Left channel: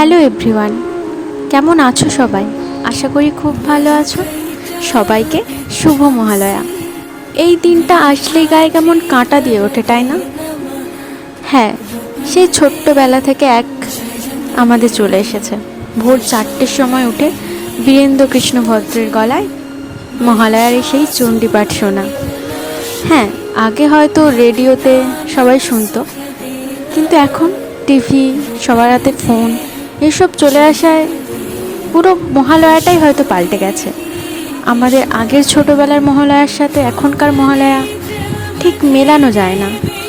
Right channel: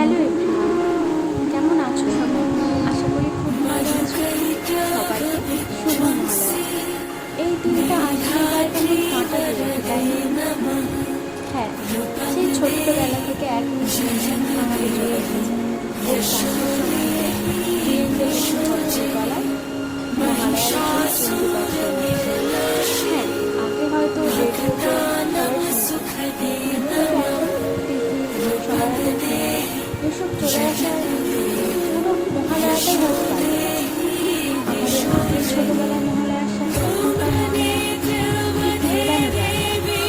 Hello everyone, কেমন আছো সবাই? আশা করি খুব ভালো আছো। সবাইকে শুভ মহালয়া। এই দিনটা আসলেই গায়ে কেমন কাঁটা দিয়ে ওঠে, তাই না? হ্যাঁ, সেই ছোট্টবেলা থেকে আমাদের চলে এসেছে। ভোর 4টের সময় উঠে বীরেন্দ্র কৃষ্ণ ভদ্রের গলায় মহালয়ার সেই চণ্ডীপাঠ শোনা। হ্যাঁ, আগে হয়তো রেডিওতে সবাই শুনতো, কিন্তু এখন টিভি, সবার হাতে ফোন, এসব চলে আসায় পুরো মহালয়াটাই হয়তো পাল্টে গেছে। আমাদের আগের ছোটোবেলার মহালয়ার সাথে এখনকার মহালয়া ঠিক মেলানো যায় না।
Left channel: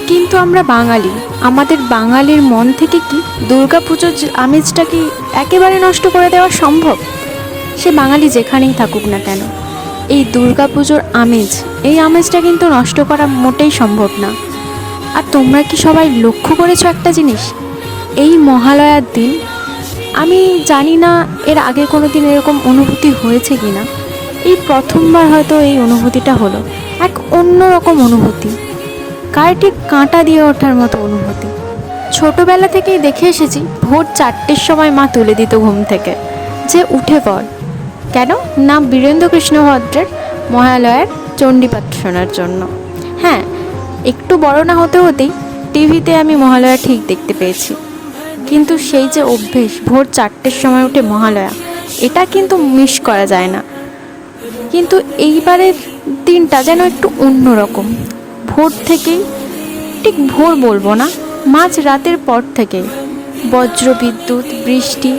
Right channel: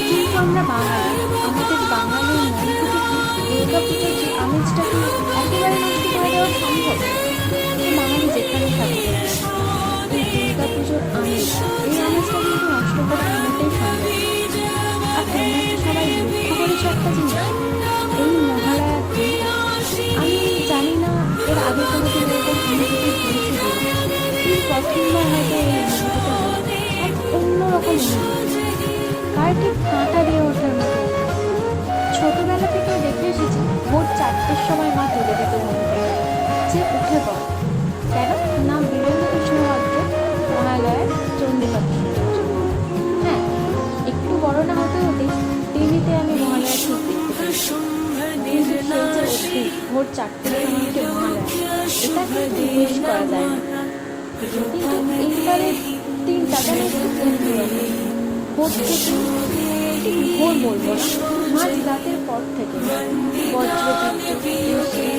কিন্তু আমরা বাঙালি, আমাদের বাঙালির মন থেকে কি দুর্গা পুজোর আমেজটা কি একেবারে নষ্ট করে দেওয়া সম্ভব? সে বাঙালি যেখানেই থাকুক না কেন, এই দুর্গা পুজোর এই আমেজটা কিন্তু নষ্ট করা মোটেই সম্ভব না। আর তোমরা কি সবাই লক্ষ্য করেছো একটা জিনিস? এই মহালয়ার দিন, আমি জানি না এর আগে কোনো দিন এরকম অনুভূতি হয়েছে কি না, এই প্রথমবার হয়তো এই অনুভূতিটা হলো। এক অন্যরকম অনুভূতি, গায়ে ঠিক কাঁটা দিয়ে ওঠার মতো অনুভূতি। ছোটোবেলা থেকেই দেখে এসেছি ভোর 4টের সময় মা তুলে দিত ঘুম থেকে, যে উঠে পড়। কেন না? বীরেন্দ্র কৃষ্ণ ভদ্রের মহালয়ার চণ্ডীপাঠ শোনার জন্য। হ্যাঁ, একটু বড় না হতে হতেই টিভিতে আমি মহালয়া ঠিক দেখতে পেয়েছি, কিন্তু সেই যে অভ্যেস ভোর 4টের সময় উঠে মহালয়া, এটা কিন্তু মিস করা যায় না। কিন্তু এইবারের দিনটা যেন একটু অন্যরকম। ভোর থেকেই, ঠিক ভোর বলবো না, মাঝ রাতের পর থেকে বজ্র বিদ্যুৎ, বৃষ্টি,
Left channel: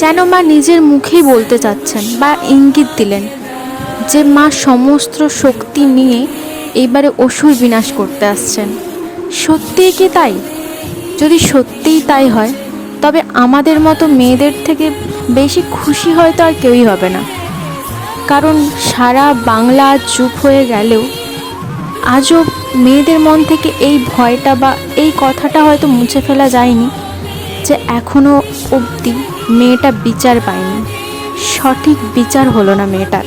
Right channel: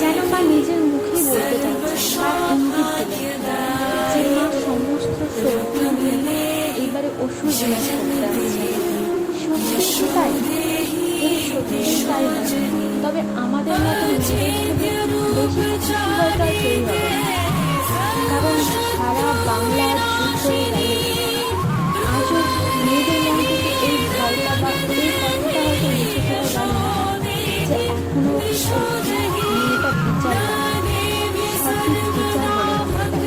যেন মা নিজের মুখেই বলতে চাচ্ছেন বা ইঙ্গিত দিলেন যে মা সমস্ত শক্তি নিয়ে এইবারে অসুর বিনাশ করতে আসছেন। সত্যিই কি তাই? যদি সত্যিই তাই হয়, তবে আমাদের মতো মেয়েদের থেকে বেশি খুশি হয়তো আর কেউই হবে না। কারণ সারা বাংলা চুপ হয়ে গেলেও আজও মেয়েদের মন থেকে এই ভয়টা বা এই কথাটা হয়তো মুছে ফেলা যায়নি যে এখনও অবধি মেয়েটা বিচার পায়নি, সঠিক বিচার হলো না মেয়েটার।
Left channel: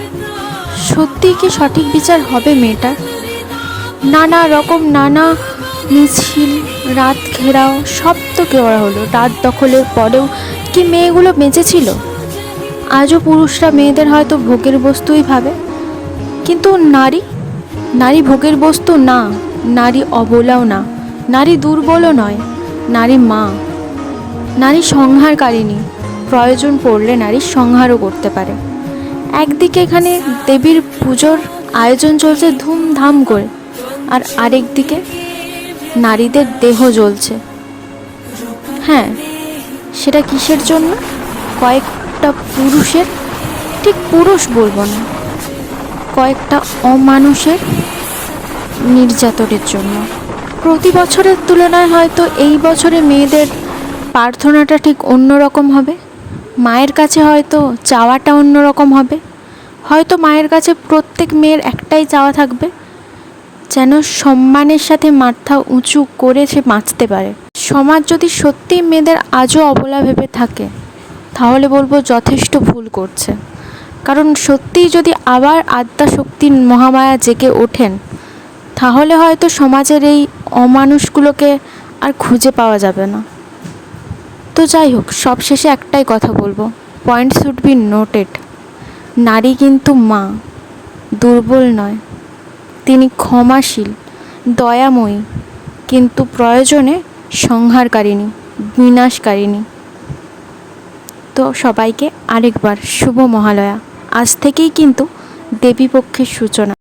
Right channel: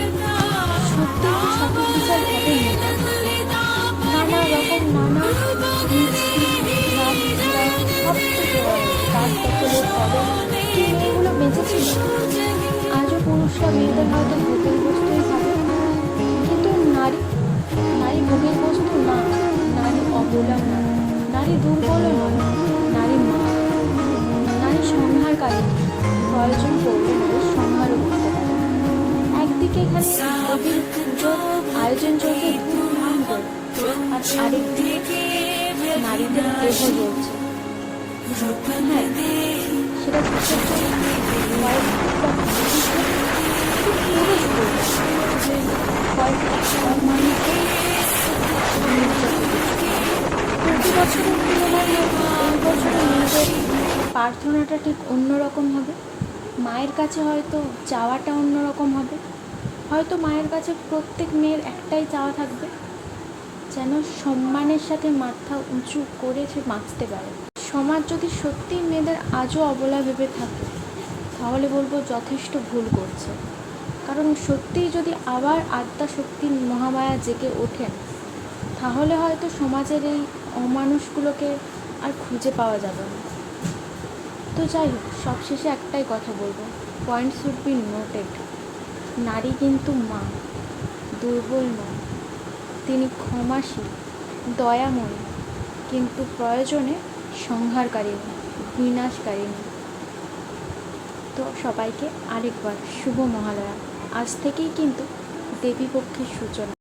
সত্যিই কি সঠিক বিচার হবে মেয়েটার? নানা মিছিল, রাত ঘেরাও সব তো করা হলো। রাত দখলের পরেও কি মেয়েগুলো বেঁচেছিল? আজও পুরুষরা মেয়েদের হয়তো ভোগের বস্তুই ভাবে, কিন্তু নারী ভোগের বস্তু না, নারী অবলাও না, নারী দুর্বলও নয়, নারী মা, নারী সংহারকারিণী। প্রয়োজন পড়লে নারী সংহারও করতে পারে। একদিকে এখানে দেবীর পুজোর আয়োজন চলছে ধুমধাম করে, আর আরেক দিকে নারীদের দেহ জ্বলছে। হ্যাঁ, সেটা কিসের জন্য? কয়েকটা পুরুষের, ঠিক পুরুষ বলবো না, কয়েকটা অমানুষের নির্যাতনের জন্য। প্রতি বছরের তুলনায় হয়তো এই বছরে মেয়েদের প্রার্থনাটা ঠিক অন্যরকম হবে। মায়ের কাছে হয়তো চাওয়াটা অন্যরকম হবে। হয়তো মায়ের কাছে প্রত্যেক মেয়ের একটাই চাওয়া থাকবে, যেন সম্মানের সাথে মাথা উঁচু করে সে বাঁচতে পারে। সমাজ যদি সত্যিই মেয়েদের আজও অবলা ভেবে থাকে, তাহলে বলবো যথেষ্ট ভুল করছে। কারণ সত্যিই যদি আবার আদ্যা শক্তির মহামায়া জেগে ওঠেন, তাহলে হয়তো সমাজের এই অমানুষগুলোকে আর খুঁজে পাওয়া যাবে না। তো যাই হোক, সবশেষে একটাই কথা বলবো, পয়েন্ট শুড বি নোটেড। নারী কিন্তু মা, দুর্বল নয়। তিনি ক্ষমাশীল, দয়াময়ী, কিন্তু প্রয়োজনে সংহারকারিণী, বিনাশকারিণী। তো সবাইকে আরেকবার শুভ মহালয়া। আজ থেকেই কিন্তু দেবীপক্ষের সূচনা।